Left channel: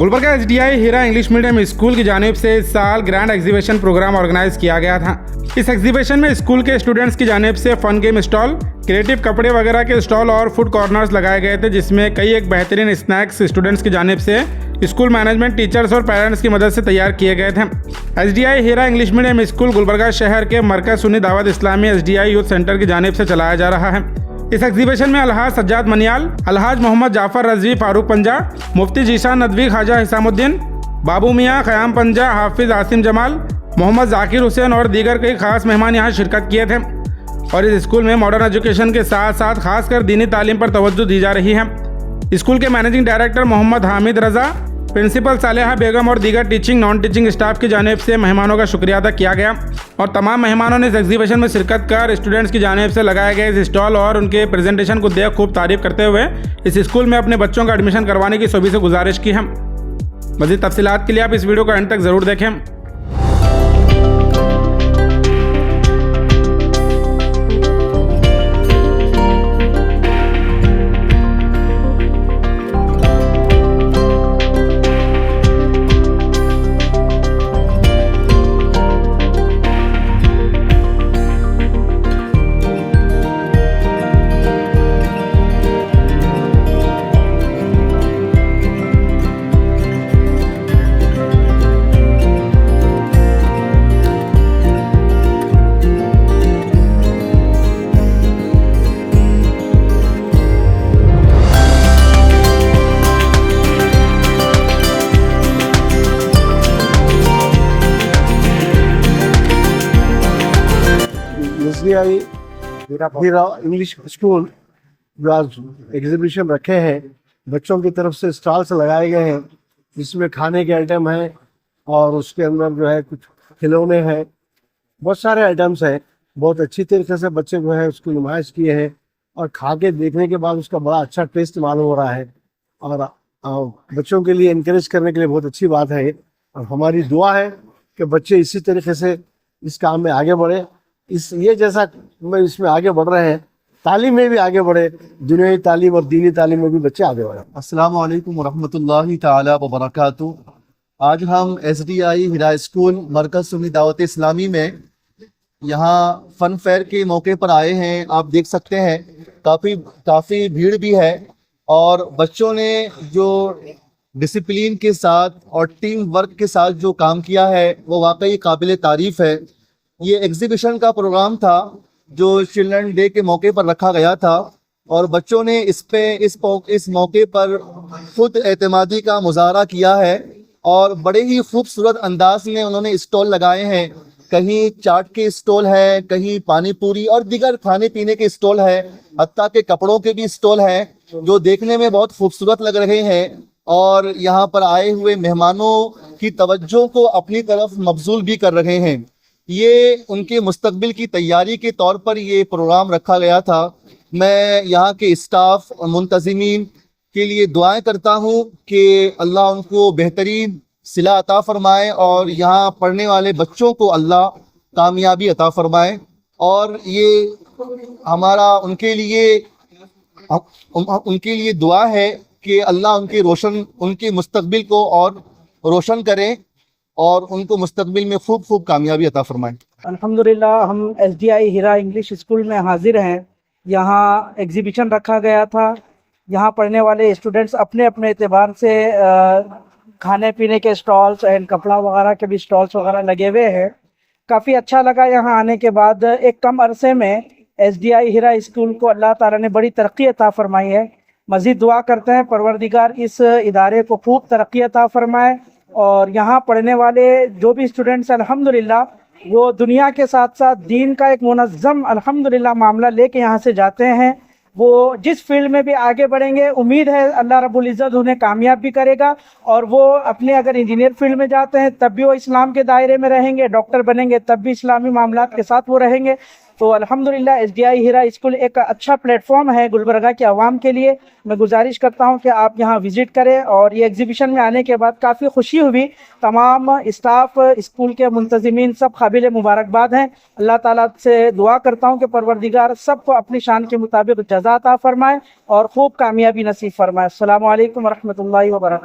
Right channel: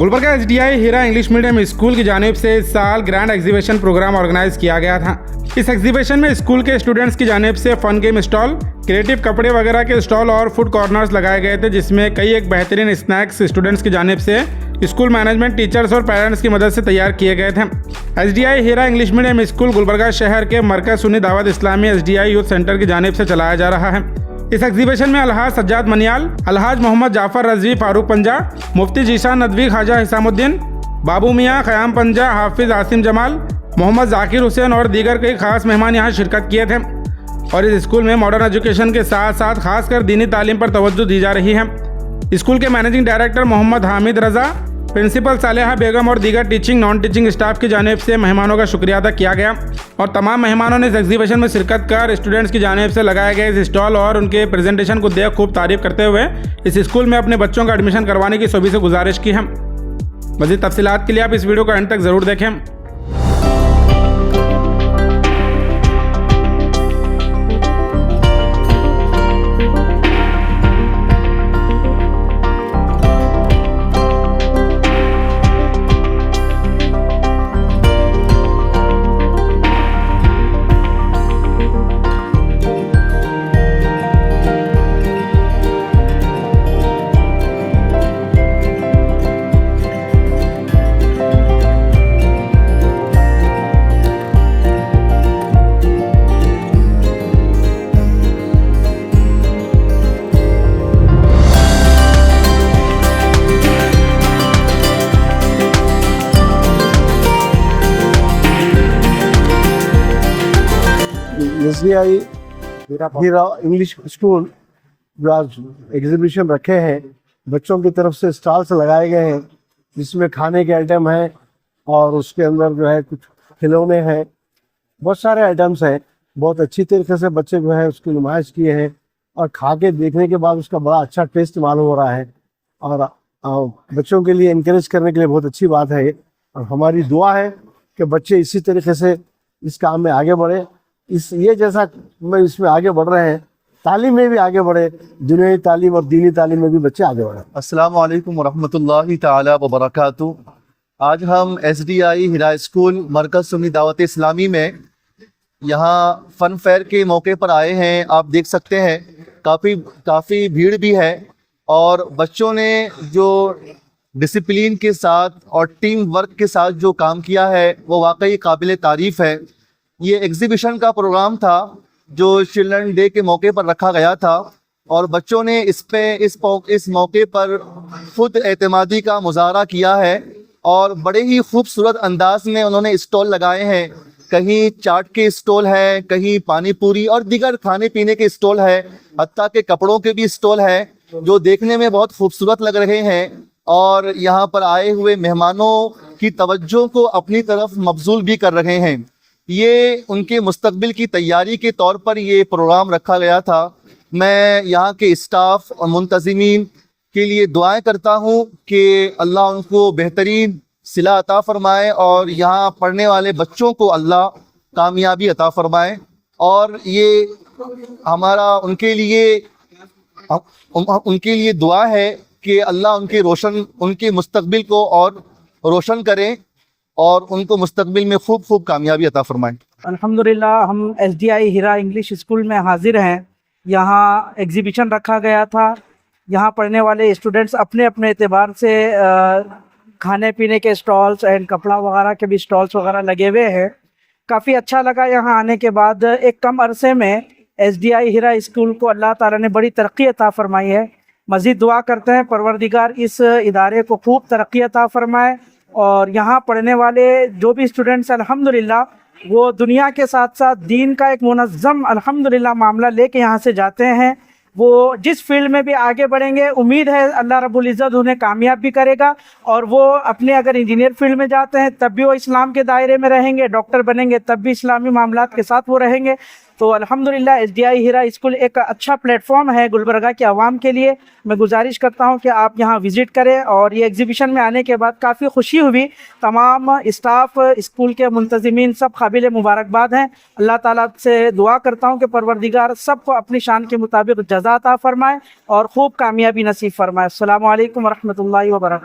Gulbarga SDI हीरा English medium school की जानिब से इस साल ग्रैंड एग्जीबिशन प्रोग्राम ऑर्गेनाइज किया गया था। इस एग्जीबिशन में स्कूल के स्टूडेंट्स की जानिब से फन गेम स्टॉल, क्रिएटिव कपड़े वगैरह के स्टॉल और फूड कॉर्नर्स लगाए गए थे, जिसमें कई एक बेहतरीन स्नैक्स स्टूडेंट्स की जानिब से स्कूल मैनेजमेंट, टीचर्स और पेरेंट्स की मदद से तैयार किए गए थे। SDI हीरा इंग्लिश मीडियम स्कूल गुलबर्गा शहर के मरकज Sunni Dawat Islami SDI youth centre की जानिब से चलाया जा रहा है। इस एग्जीबिशन में अलहाज सज्जाद मनियाल, अलहाज मोहम्मद जाफर रजवी फारूक पंजा, मुफ्ती जीशान नदवी ख्वाजा हिसामुद्दीन, बाबू मियाँ क़याम पंजा, हाफिज़ आसिम जमाल, मोहम्मद जाकिर हुसैन और दीगर कई खास मेहमान यहाँ शिरकत किए थे। और इस स्कूल में मॉडर्न एजुकेशन के साथ साथ खासकर दीनी तालीम पर तवज्जो दी जा रही है। स्कूल के मैनेजिंग डायरेक्टर मोहम्मद हामिद रज़ा, प्रिंसिपल सालेहा बेगम और दीगर टीचिंग नॉन टीचिंग स्टाफ की जानिब से मेहमानों का शुक्रिया अदा किया गया और तमाम मेहमानों ने इस एग्जीबिशन में शिरकत कर स्टूडेंट्स की जानिब से लगाए गए इस स्टॉल और उनके प्रेजेंटेशन को देख खूब तारीफ करते हुए इस स्कूल में अपने बच्चों का एडमिशन करवाने की सभी से गुजारिश की है। मज़ीद तफसीलात के लिए आप इस वीडियो को एंड तक ज़रूर देखें। SDI हीरा इंग्लिश स्कूल जो आज एग्जीबिशन रखे हैं, बच्चों की तरफ से स्टॉल्स लगाए गए हैं जिसमें खाने के आइटम हैं और उसके अंदर जो है कुछ खिलौने हैं, बहुत सारे आइटम्स हैं। बहुत अच्छी तरीके से बच्चे जो है उसकी नुमाइश किए हैं और खा के देखने के बाद उसका बड़ा अच्छा टेस्ट मालूम हो रहा है और बच्चों के लिए इनकरेज करने के लिए बहुत अच्छी बात है। और हमारी दुआ है कि बच्चे इसी तरीके से इस काम में आगे बढ़े, ये जैसा में इसमें आगे बढ़ रहे हैं, तालीम में भी आगे बढ़े, दुनियावी तालीम और दीनी तालीम में भी बच्चे आगे बढ़े। अस्सलाम वालेकुम वरहमतुल्लाहि ताला व बरकातुहू। आज हम SDI हीरा स्कूल मरकज सुन्नी दावत इस्लामी में यहाँ फन फेयर के मौके पर आए हैं। आप देख सकते हैं काफ़ी भीड़ भी है और बच्चों ने जो डिसिप्लिन के साथ और टीम वर्क के साथ जो काम किया है वो वाकई काबिल तारीफ़ है। ये एग्जीबिशन का प्रोग्राम था जो चिल्ड्रन डे के मौके पर रखा गया था और बच्चों ने इस मौके पर खुद एतमादी का मुजाहरा किया है और बड़े ही खूबसूरत अंदाज में उन्होंने स्टॉल लगाए हैं। कहीं चाट के स्टॉल हैं, कहीं पानी पूरी और दीगर खाने पीने के स्टॉल है, हत्ता के कपड़ों के भी स्टॉल है जो देखने में बहुत खूबसूरत लग रहे हैं और यहाँ पर आए हुए मेहमानों की तवज्जो को अपनी तरफ मबजूल भी कर रहे हैं। ये उनके मुस्तकबिल की तैयारी के तौर पर ये प्रोग्राम रखा गया था। मैं यहाँ के स्टाफ और मुंतज़िमीन के लिए दुआएं करता हूँ कि अल्लाह उनको बेहतरीन सिला अता फरमाए और यहाँ पढ़ने वाले बच्चों को अल्लाह कामयाबी अता फरमाए और ये हमारा उनके लिए दुआ है कि अल्लाह उनके मुस्तकबिल को और रोशन करें और उनको मुस्तकबिल में खूब कामयाबी अता फरमाएं। अल्हम्दुलिल्लाह हम SDI हीरा इंग्लिश स्कूल में हाजिर हैं। यहाँ एग्जीबिशन रखा गया था। यहाँ पढ़ने वाले स्टूडेंट्स अपने अपने एतबार से खाने पीने के स्टॉल्स एंड कपड़ा वगैरह के भी स्टॉल्स वगैरह लगे हुए हैं। काफ़ी अच्छा लगा यहाँ आने के बाद। एक कम अरसे में SDI हीरा स्कूल को अल्लाह ताला ने बड़ी तरक्की अता फरमाई है। मज़ीद दुआ करते हैं परवरदिगार इस इदारे को खूब तरक्की अता फरमाए और यहाँ पढ़ने वाले जो भी स्टूडेंट्स अल्हम्दुलिल्लाह वो दुनिया के साथ साथ दीन का एक मुनज़्ज़म अल्हम्दुलिल्लाह मामला लेके यहाँ से जाते हैं। वो जिस फील्ड में भी आगे बढ़ेंगे, उम्मीद है अल्लाह रब्बुल इज़्ज़त उन्हें कामयाब भी करेगा और वो अपने अगर इंजीनियर फील्ड में जाते हैं तब भी वो इस्लाम के दायरे में रहेंगे, डॉक्टर बनेंगे तब भी इस्लामी मामलात के साथ वो रहेंगे। तो अल्हम्दुलिल्लाह SDI हीरा स्कूल एक अच्छा प्लेटफॉर्म है गुलबर्गा के अवाम के लिए। मैं गुजारिश करता हूं कि आप यहां विज़िट करें और ये एग्जीबिशन में आने के बाद काफ़ी खुशी हुई। तमाम स्टाफ, स्कूल के मुंतज़िमीन सब काबिल मुबारकबाद हैं। अल्लाह ताला से दुआ करता हूं कि परवरदिगार सबको अपनी शान के मुताबिक जज़ा अता फरमाए और खूब कामयाबी नसीब फरमाए। अस्सलामु अलैकुम वरहमतुल्लाहि व बरकातहू।